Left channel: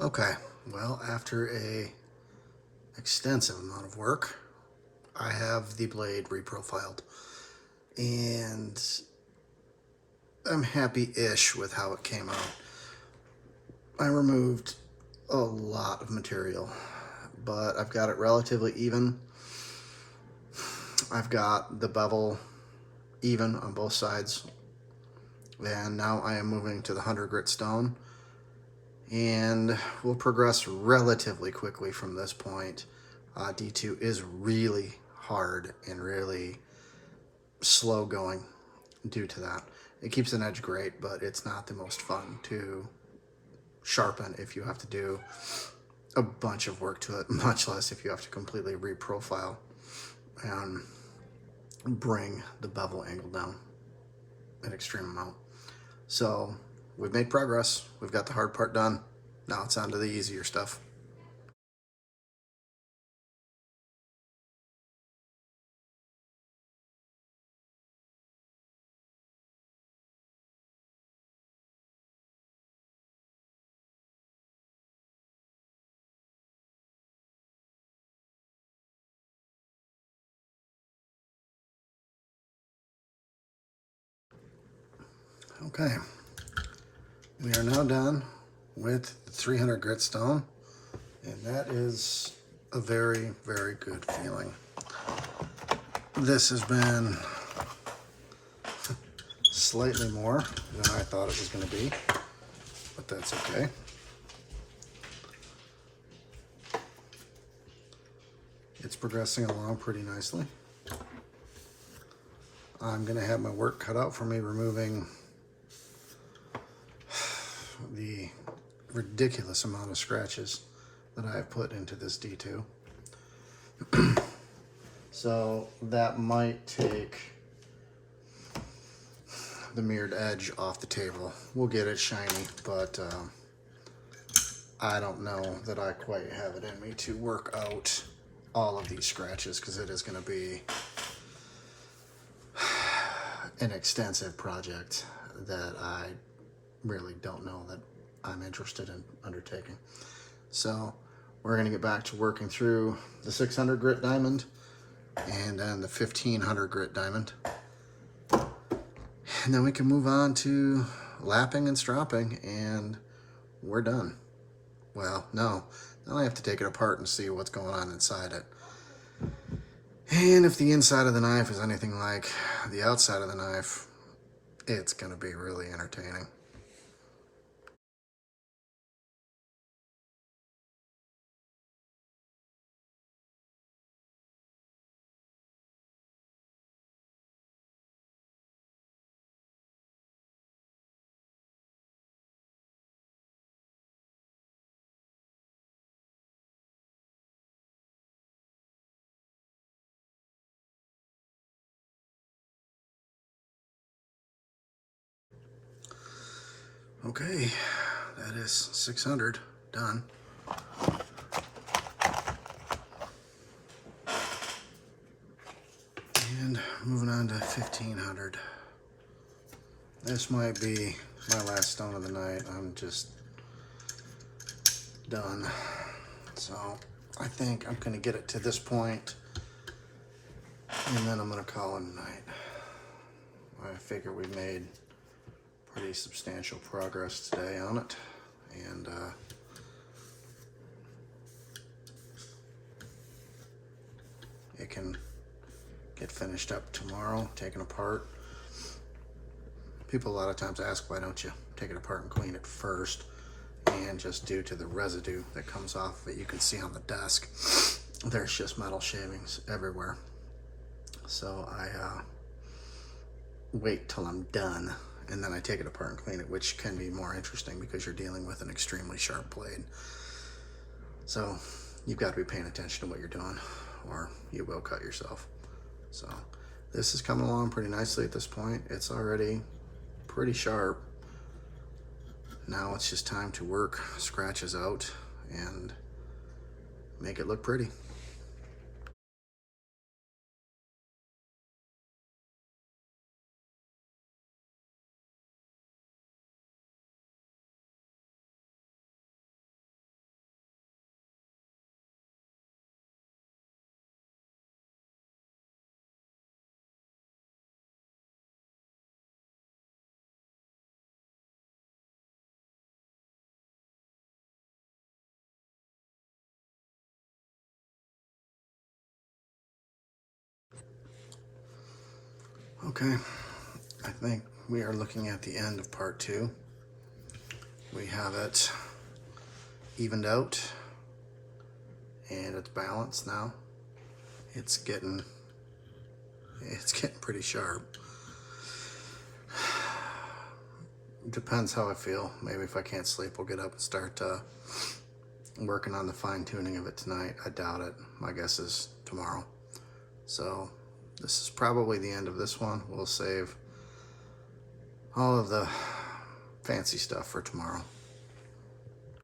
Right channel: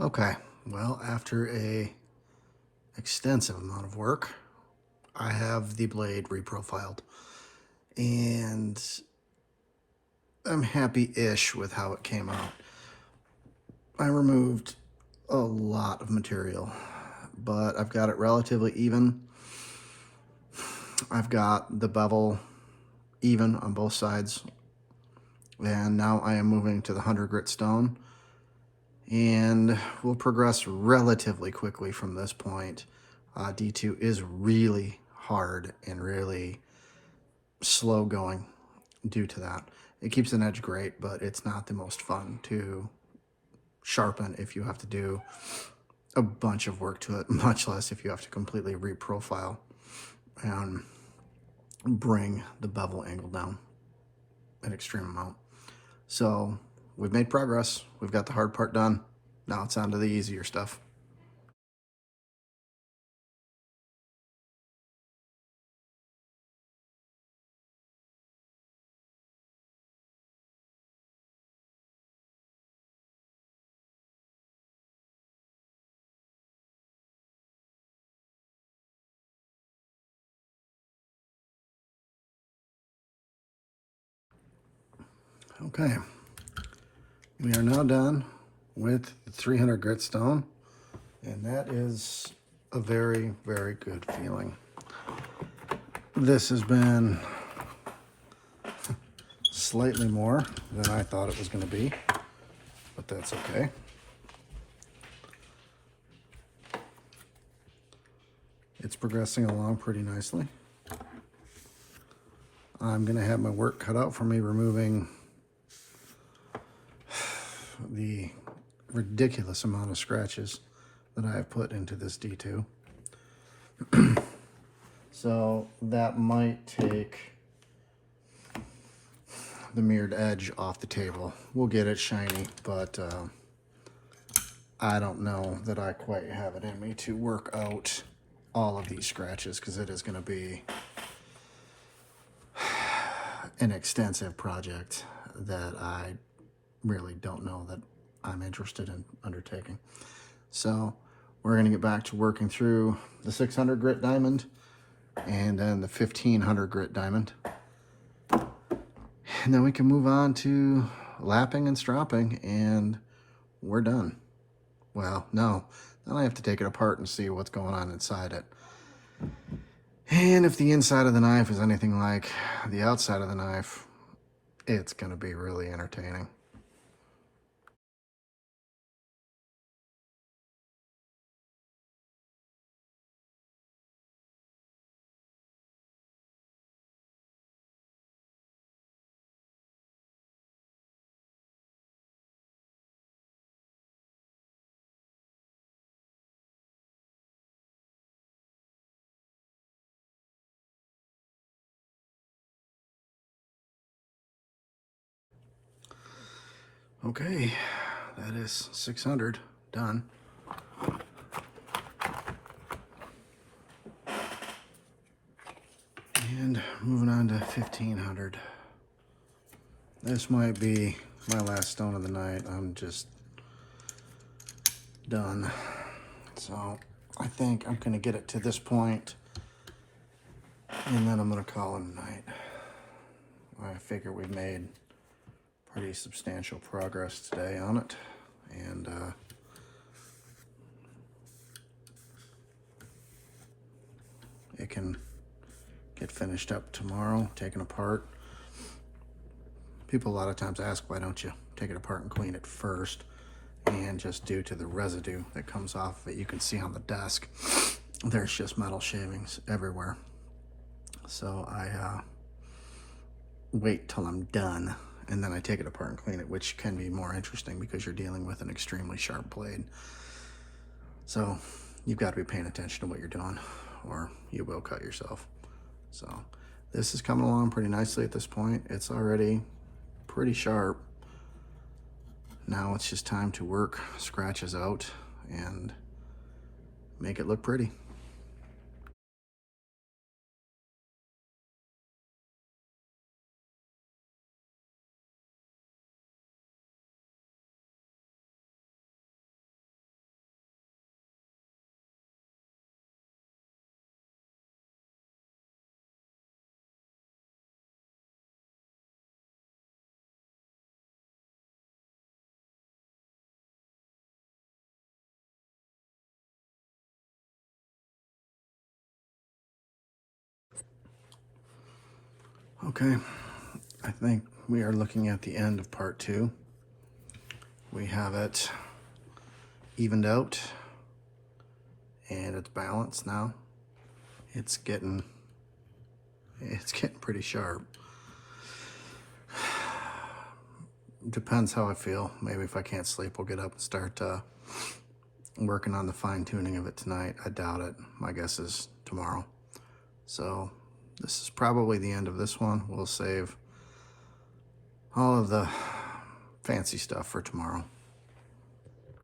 Okay, well, after a extensive amount of work, I have the blade reprofiled, and I'm happy-ish with how it came out. I removed a lot of material, but I've got it relatively even. I've got the bevel even on both sides, and now I am moving to the 100 grit stone, and we'll progress relatively quickly from this point. D2 is really hard and really slow going due to that. It keeps an edge great, but it's not the most fun to sharpen if you have to do a bunch of work to it, much less if you have to completely reprofile and bring the bevel angle down an extreme amount. So we've made progress. We've got the hard part done. Now it's on to the easier stuff. Okay, we are now done with the 300 grit stone, and that is a very, very good feeling. This has been slightly more than I thought it was going to be, but that's okay. It's progressing along pretty nicely. I'm going to have my work cut out for me removing the ridiculous amount of scratches that I have put into this D2. So that might take the mirrored edge off the table. We'll get it shiny, but I don't know that I quite have it in me to work out all of these scratches, because it is going to be an extensive project that I really don't know that I'm interested in undertaking. So we're going to get back to working through the 600 grit diamond and then the 1500 grit diamond. And then we can move on to lapping and stropping, and we're done. Well, no, then I have to take it apart and see what's going on inside it. And if the inside of the knife is anything like the outside of the knife, it's going to be really entertaining. Okay, that is 600 done. And moving on to 1500. This might be my last stone of the night. I'm just done. So I think I'm going to get it to this point, and then I'm going to call it a night. I figure we made pretty substantial progress today on it, and it can get finished up tomorrow, taken apart. People a lot of times ask, why don't you take it apart and clean it first? And just due to the residue that comes off of it, you can see on the desk, there's just metal shavings everywhere. So I wait till I'm done, and then I take it apart and clean it, which can be more interesting because you're dealing with an extremely sharp blade. So you've got to be paying attention to what you're doing, or you will cut yourself. So this is coming along pretty nicely at this point. It's already pretty sharp. Now it's just time to work scratches out and make it look pretty. Okay, I think we are looking at the end of part 2. We have it evened out and it's balanced now. It's getting pretty sharp. Depends how I feel. Maybe if I can't sleep, we'll get up and start working on the fine-tuning of it tonight. I doubt it. My guess is tomorrow. So this is probably the end of this one. We'll save all of the fancy stuff for tomorrow.